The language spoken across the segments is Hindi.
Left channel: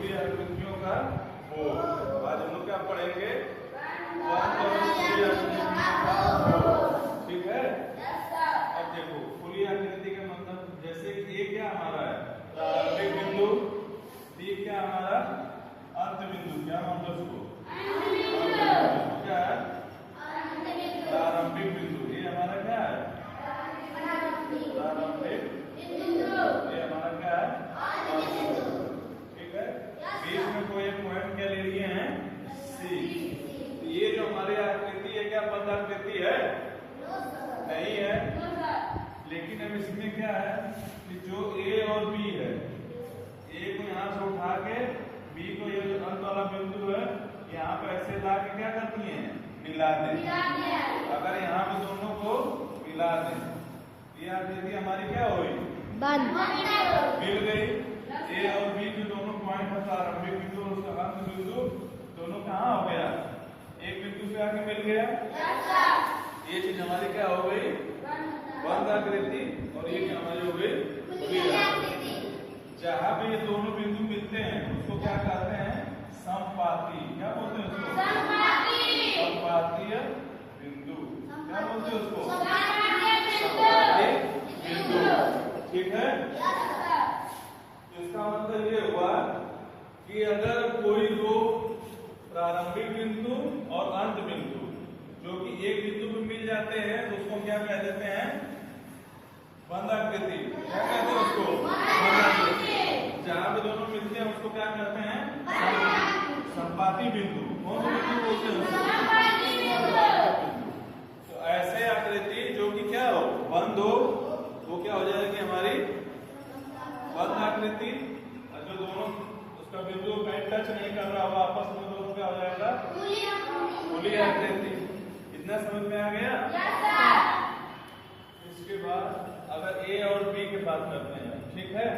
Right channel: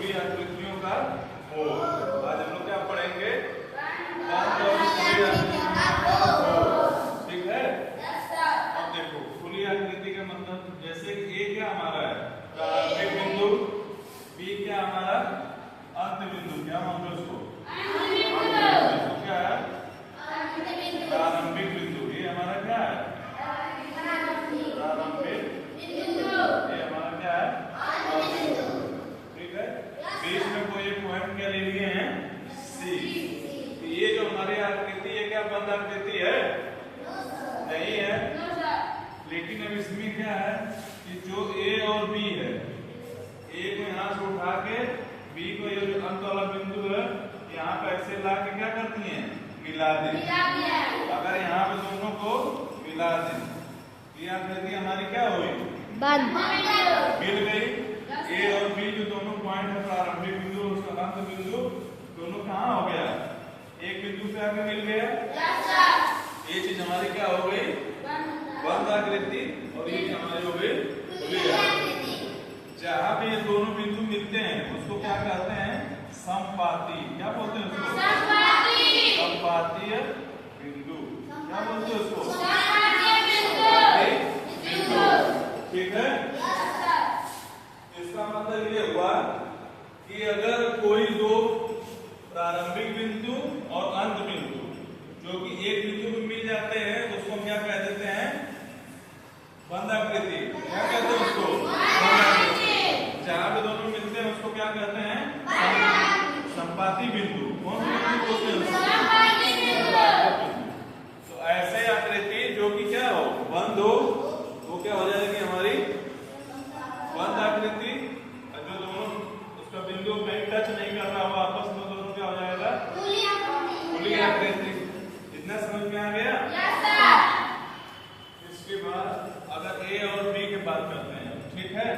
खुली आकृतियों का मोल। आज हम लोग क्या पढ़ेंगे? बंद और खुली आकृतियों का मोल। ठीक है। अब देखो खुली आकृति का मतलब जैसे कि ए क्या हमारा है प्रारंभिक बिंदु, बी क्या हमारा अंत बिंदु, क्या मानते हो उसको? इसको क्या है? प्रारंभिक बिंदु। ये हमारा क्या है? प्रारंभिक बिंदु। ये हमारा क्या है? ठीक है। बीच में कोई एक पॉइंट क्या ले लिए हैं? सी। ये जो हमारी आकृति है क्या बंद आकृति है? नहीं है। लेकिन अब इसमें क्या है कि जो ए और बी है, ए को यहाँ से उठा के बी को ये जो अंत वाला बिंदु है यहाँ पे ऐसे ला के क्या करती हैं? मिला दें। अगर यहाँ पे दोनों को मिला दें, ये आकृति हमारी क्या हुई? बंद। मिल गई। ए और बी जो दोनों पॉइंट है प्रारंभिक बिंदु और उसका अंत बिंदु, दोनों कहाँ हो गया? एक बिंदु पे आके मिल गया। ये चीज हमारी क्या हो गई? बंद आकृति। और ये हमारी हो गई खुली आकृति। जहाँ पे ये दोनों बिंदु मिलते हैं उसको क्या कहते हैं? समपाती। क्या बोलते हैं उसको? समपातीय बिंदु। क्या बोलते हैं उसको? समपाती बिंदु। ठीक है। इसका मतलब ये हुआ कि अगर कोई दो प्रारंभिक बिंदु और अंत बिंदु जो कि एक बिंदु में मिल जाते हैं उसको क्या कह देते हैं? बंद आकृति। क्या कहते हैं उसको? बंद आकृति। जहाँ पे दोनों मिलते हैं उसको क्या कहते हैं? संपाती बिंदु। कौन सी बिंदु बोलते हैं? संपाती बिंदु। तो ऐसे आकृति जो कि क्या हो? बंद हो, वो क्या हो जाएगी हमारी? बंद आकृति। और जो दोनों उसका बिंदु में टच नहीं कर रहा हो आपस में, दोनों क्या हो जाएगा? खुली आकृति। इतना समझ में आ गया? इसके बाद अगर ए और बी की बात करते हैं, ठीक है।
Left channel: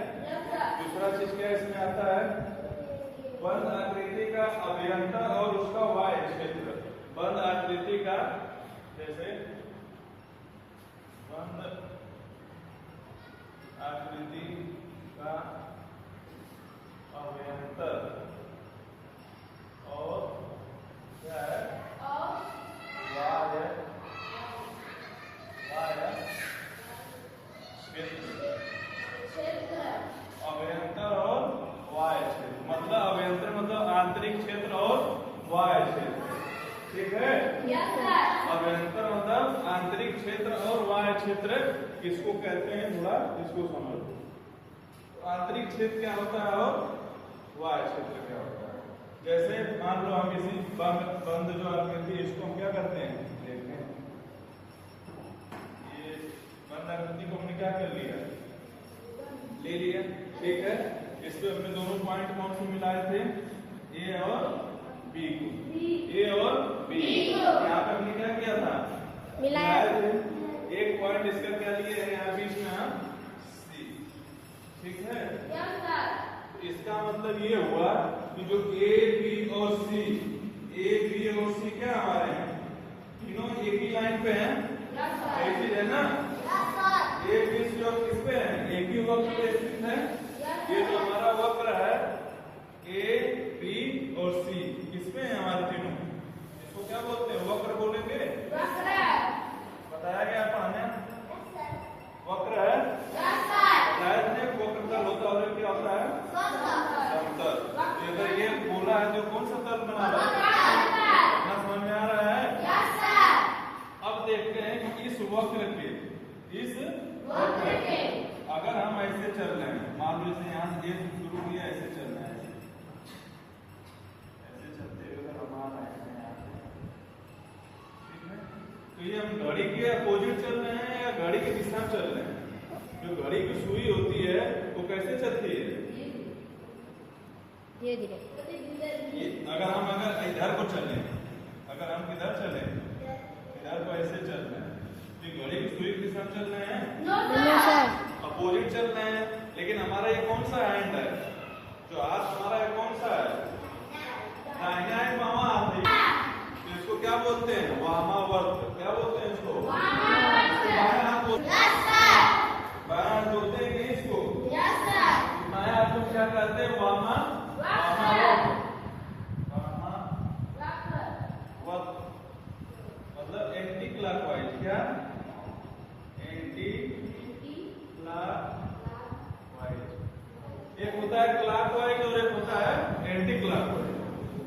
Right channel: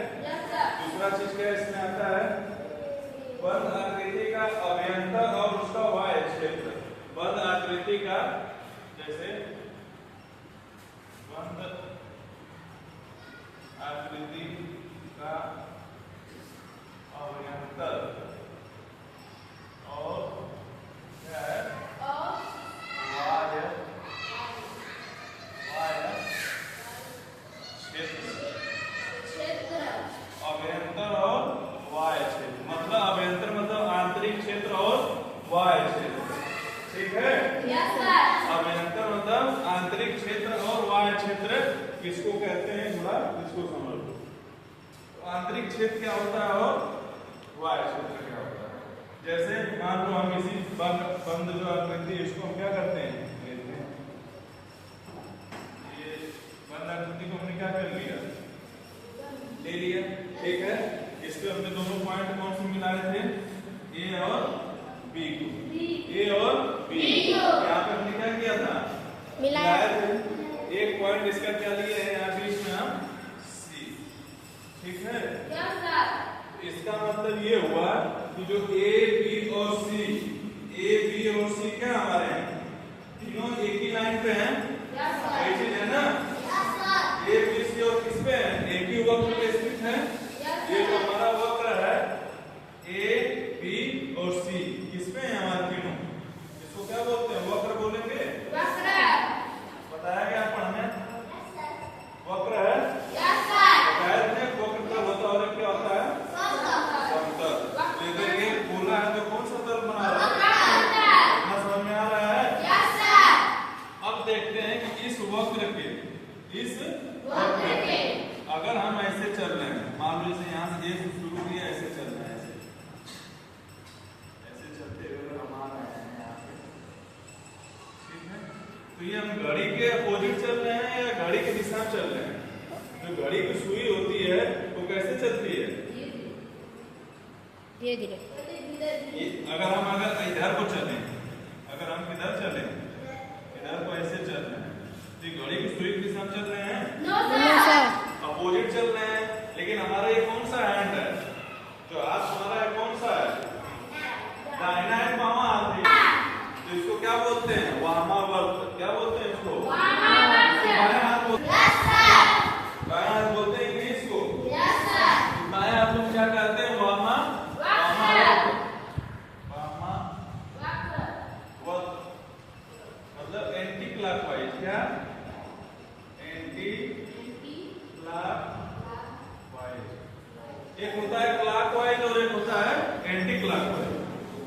दूसरा चीज क्या इसमें आता है? बंद आकृति का अभ्यंतर और उसका वाह्य क्षेत्र। बंद आकृति का जैसे बंद आकृति का अभ्यंतर और क्या है? वाह्य क्षेत्र। अभ्यंतर और वाह्य क्षेत्र मतलब अभ्यंतर मतलब आंतरिक क्षेत्र और वाह्य क्षेत्र। ठीक है। अभ्यंतर मतलब आंतरिक क्षेत्र और बाह्य क्षेत्र किसको कहते हैं? थोड़ा इसको समझ लो। आंतरिक क्षेत्र क्या होता है और बाह्य क्षेत्र क्या होता है? जैसे मान लो हम इसी बंद जो आकृति है इसको हम क्या करते हैं? लेते हैं। ये बंद आकृति को हमने क्या कर लिया? ले लिया। ठीक है। इस पे हमने दोनों पॉइंट कौन से मिलाए थे? ए और बी को। ए और बी यहाँ पे हमने क्या किया था? मिलाए थे। एक पॉइंट इसका क्या लिए है यहाँ बीच में? हम सी। ठीक है। इसका मतलब ये हुआ कि जो ए बी और सी, ए बी और सी क्या हमारे हैं? तीनों एक ही लाइन पे हैं। ऐसी है ना? ए बी सी और किस पे है? एक ही वक्र पे स्थित है। ये जो हमारा वक्र है ए बी और सी किस पे है? हमारे तीनों। इसको क्या बोलते हैं? वक्र बोलेंगे। बताया गया पढ़ने? वक्र है। बताया तुमने वक्र तल होता और क्या होता है? समतल। इधर ये बोला है जो कौन सा तल बना रहा है? इतना समझ में आ रहा है? अब देखते हैं कि इस वक्र के अगर हम ऐसे चल रहे हैं, मान लो जैसे यहाँ से शुरू किया ऐसे चल रहे हैं, ऐसे चलते हुए अगर हम आ रहे हैं यहाँ पे, ठीक है। तो ये हम घड़ी के अपोजिट चल रहे हैं या घड़ी की दिशा में चल रहे हैं? जो घड़ी की सुई होती है वो कैसे चलती है? धीरे धीरे। अगर इधर को चले, अगर हम किधर चले, इधर को ऐसे चल रहे हैं तो घड़ी की सुई की दिशा में चल रहे हैं? अपोजिट चल रहे हैं। लेकिन हमारा ये कौन सा हैंड है? जो हाथ हमारा है कौन सा है? दाहिना है, बामा हाथ है। तो इसको क्या बोलते हैं? वामावर्त। क्या बोलते हैं इसको? बायां हाथ बोलते हैं। बायां हाथ बोलते हैं कि इसको? बायां हाथ को क्या कहते हैं? वामावर्त। मतलब एंटी क्लॉकवाइज। क्या? Anti clockwise. एक होता है क्लॉकवाइज और एक होता है एंटी क्लॉकवाइज।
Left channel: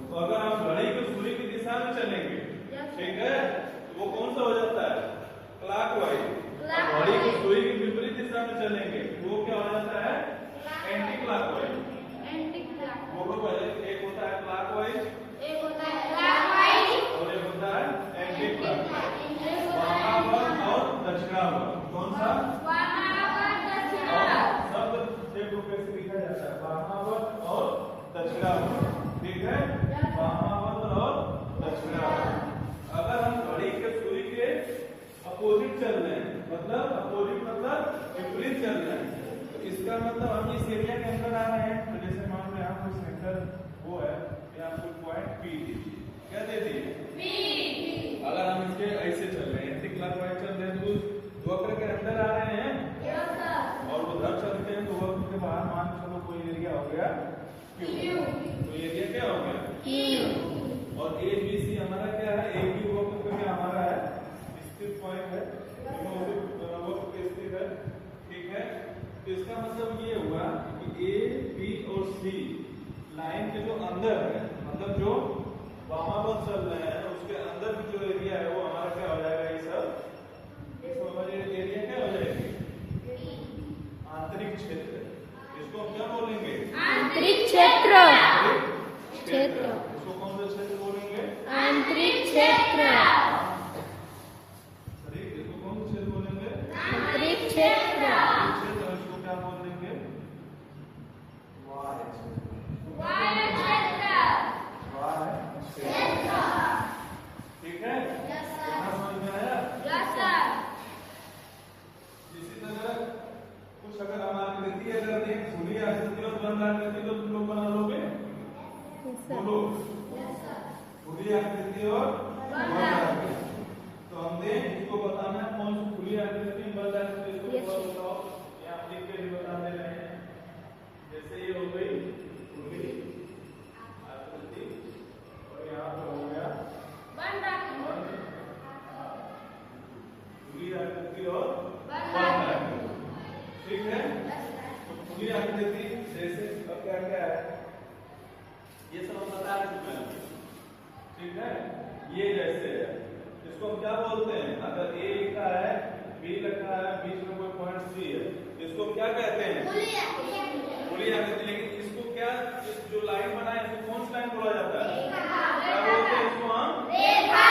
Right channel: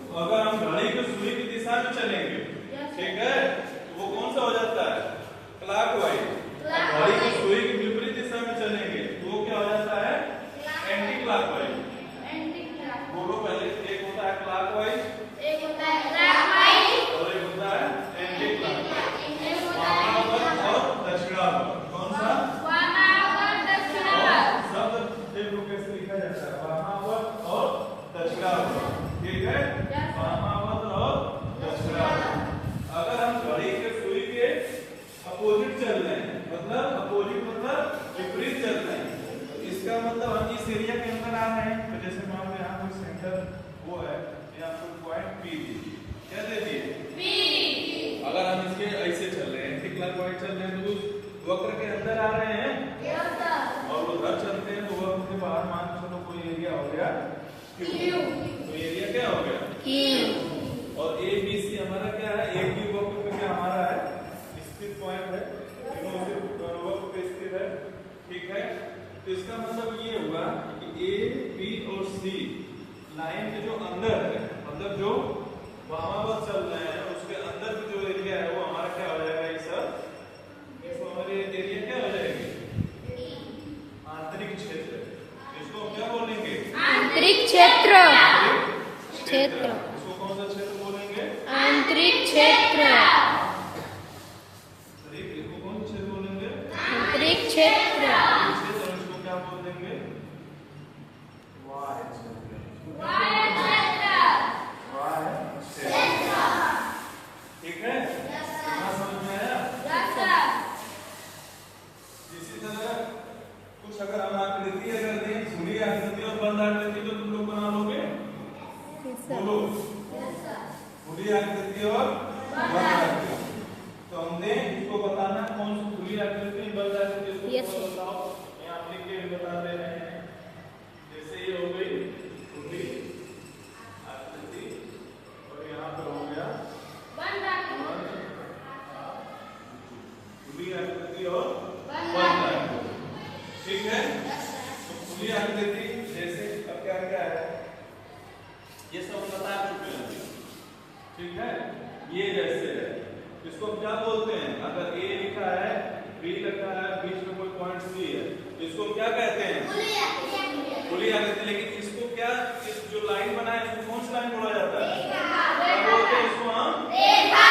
तो अगर हम घड़ी की सुई की दिशा में चलेंगे, ठीक है, तो वो कौन सा हो जाता है? क्लॉकवाइज। घड़ी की सुई की विपरीत दिशा में चलेंगे तो वो क्या हो जाता है? Anti clockwise. बोलो पहले। एक होता है क्लॉकवाइज और एक होता है एंटी क्लॉकवाइज। वामावर्त और दक्षिणावर्त। कौन सा? शब्द देखो कैसे लिखा जाता है, वामावर्त और दक्षिणावर्त। ठीक है, वामावर्त और दक्षिणावर्त। अगर हम घड़ी के सुई के अपोजिट चल रहे हैं, मतलब अपोजिट मतलब विपरीत चल रहे हैं, तो इसका मतलब हम इस एरिया के अंदर आ रहे हैं। तो जैसे मान लो यहाँ कोई सेंटर वो है, यहाँ कोई पॉइंट पी दीजिए। क्या दे दिए? अगर हम इसके ऐसे चल रहे हैं, एंटी क्लॉकवाइज चल रहे हैं, तो उस वक्र के अंदर आ रहे हैं और उधर चलते हैं तो वक्र के बाहर मान चलो कोई एरिया हो गया Q। तो एरिया क्या हो गया? और ए बी सी हमारा क्या है? एक ही वक्र पे क्या हमारा है? स्थित पॉइंट है, वक्र पे स्थित है। ठीक है, तो इसका मतलब ये हुआ कि ए बी और सी लाइन के जो अंदर है, मतलब जो वामावर्त चल रहे हैं उसके अंदर की जो एरिया है वो हमारा क्या हो जाएगा? ये सब हमारे एरिया क्या हो जाएगी? आंतरिक क्षेत्र। इसको हम क्या बोलेंगे? आंतरिक क्षेत्र। इसको कौन सा क्षेत्र बोलेंगे? आंतरिक क्षेत्र। इसको कौन सा क्षेत्र बोलेंगे? आंतरिक क्षेत्र। इसको क्या बोल देंगे? वाय क्षेत्र। ठीक है, कितना समझ में आया? इसी तरह कुछ अगर हम आकृति अगर दें, खुली आकृति और बंद आकृति, तो तुम लोग बना लोगे? बोलो। खुली आकृति और बंद आकृति। तो हमने इसको बताना है कौन सी खुली आकृति बंद आकृति, इसको बताओ। यहाँ लिख के बता दे रहे हैं। जैसे ये हो गई खुली आकृति और यहाँ पर हो गया खुली आकृति और बंद आकृति। ठीक है, तो खुली आकृति जैसे अब क्या क्या है ये सब बता चुके हैं। ठीक है, ये जैसे है, इसको हम क्या बोलते हैं? अगर ए लिखा है, बी लिखा है, बीच में कोई पॉइंट सी है, इसको हम क्या कहते हैं? खुली आकृति। लेकिन इसको क्या, इस जो लाइन बना है इसको कौन सी लाइन बोला जाता है? क्या बोलते हैं इसको? हम रेखा।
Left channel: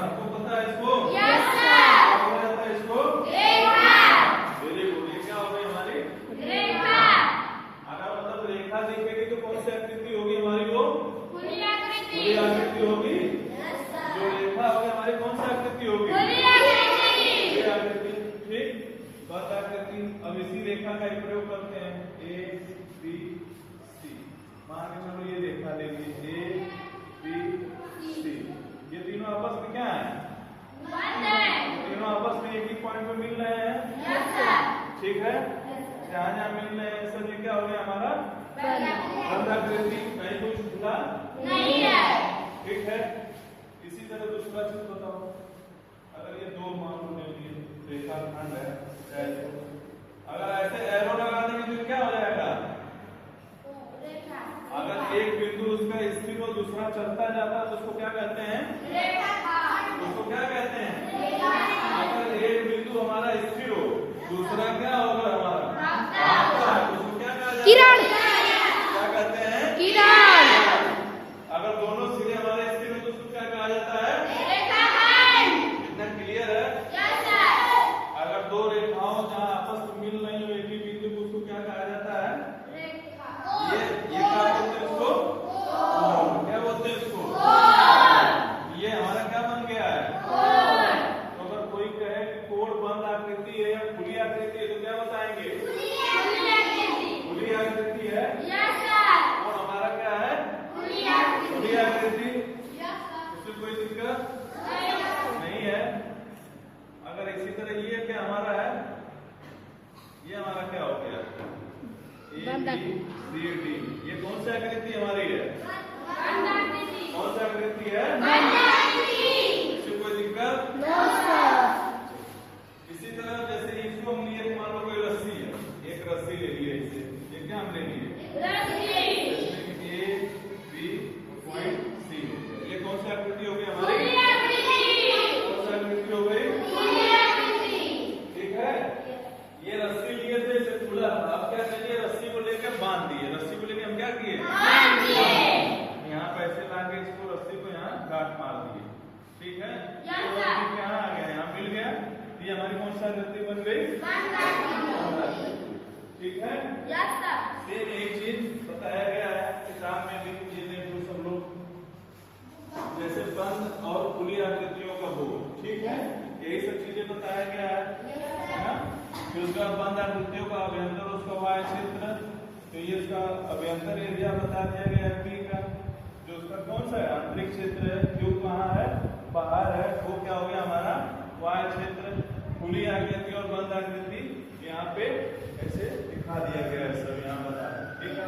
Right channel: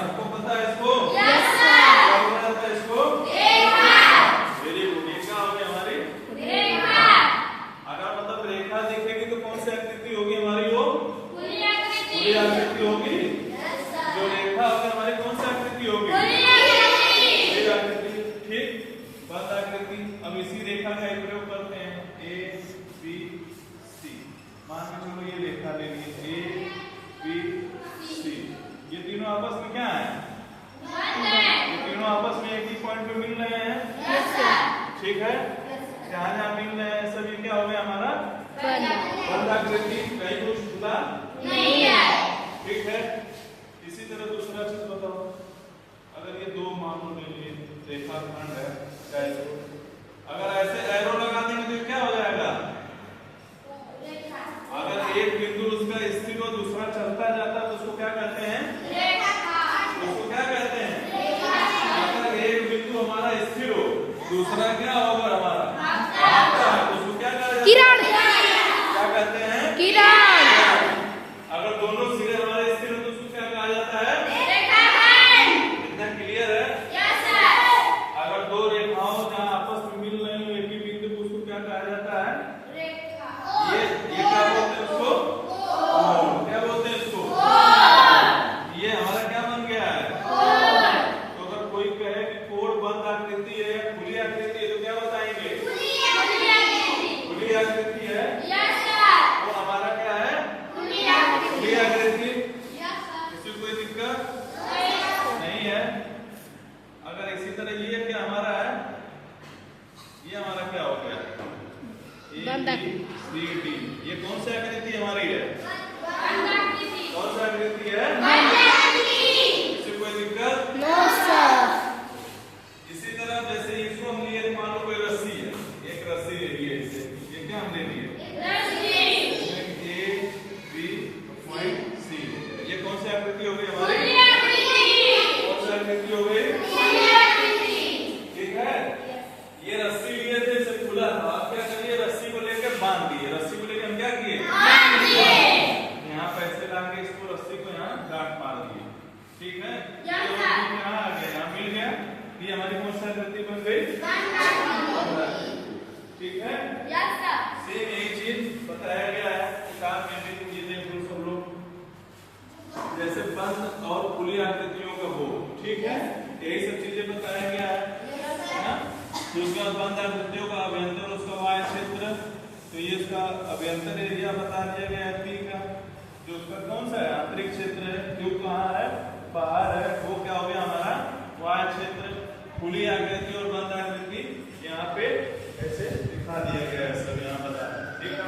सबको पता है इसको? Yes sir. क्या बोला जाता है इसको? रेखा। Very good. ये क्या हो गई हमारी? रेखा। अगर मतलब रेखा दिखेगी तो कौन सी आकृति होगी हमारी? वो खुली आकृति होगी। जो रेखा होगी हमारी कौन सी आकृति होगी? खुली आकृति। ठीक, बंद आकृति। अब इसी रेखा का एक प्रयोग करते हैं। ए बी सी, मान के चलो ये रेखा ले लीजिए ए बी सी। ये तीनों आपस में क्या है? ये तीनों आपस में एक ही पॉइंट पे मिल रहे हैं। ठीक है, जहाँ जहाँ मिल रहे हैं सब ये क्या हो गया हमारा? बंद आकृति। कहीं कुछ खुला नहीं है। ठीक है, इसी तरह दूसरा चीज बताओ। अगर ये दो मान लो रेखाखंड है, अगर ऐसे एरो लगा देंगे तो क्या हो जाएगा? अगर एक बिंदु उसका स्थिर हो, दूसरा चलता जाता है तो उसको क्या कहते हैं? उसको क्या कहते हैं? अगर एक बिंदु हमारा स्थिर हो, दूसरा क्या होगा हमारा? तो उसको क्या कहते हैं? किरण। क्या कहते हैं? किरण। अगर दोनों सिरे हमारे स्थिर हो तो उसको क्या कहा जाता है? इतना क्लियर है? अगर दो रेखाओं जहाँ आपस में मिल रही हो एक ही बिंदु को, उसको क्या कहा जाता है? ये क्या बोलते हैं उसको? क्या बोलते हैं इसको? ये हमारा क्या बन गया है? तो अगर कोई कहे कि कोण बंद आकृति है या खुली आकृति है तो क्या कौन सी आकृति हमारी है? कौन सी आकृति है? इससे कोई दिक्कत? No sir. इसी तरह जैसे इसको हम लिए, मान लो कोई रस्सी है, एक रस्सी ले लिए, इसे ये क्या हम ले लिए? A B point C. ये कौन सी आकृति हो गई हमारी? कौन सी आकृति हो गई? ठीक है। ये रस्सी लिए थे, इसे खुला था, अब क्या करिए, रस्सी को लेकर बांध दिए। रस्सी को लेकर हम क्या किए? यहाँ पैसे लाके इसको, रस्सी को यहाँ गांठ मार दिए। ठीक है, यहाँ आ गया, यहाँ मिल गया। ये हमारी कौन सी आकृति बन गई? ठीक है। सेम यही चीज बताया गया है काम में भी, ये देख लो सब लोग, जैसे बंद और खुली आकृतियों का हो। ठीक है, यही सब चीजें बताया गया है ना। फिर उसका बंद आकृतियों का अभ्यंतर, उसका वाय क्षेत्र, तो ये उसका अभ्यंतर एरिया बता दिया गया है पी का। जो उसका कौन सा है? आंतरिक क्षेत्र है। क्यों कहाँ है? बाहर है। वो क्या हो गया हमारा? वाय क्षेत्र। खुली आकृति और बंद आकृति यहाँ पे ऐसे दिखा दिया गया है, सब यहाँ बताया। ठीक है।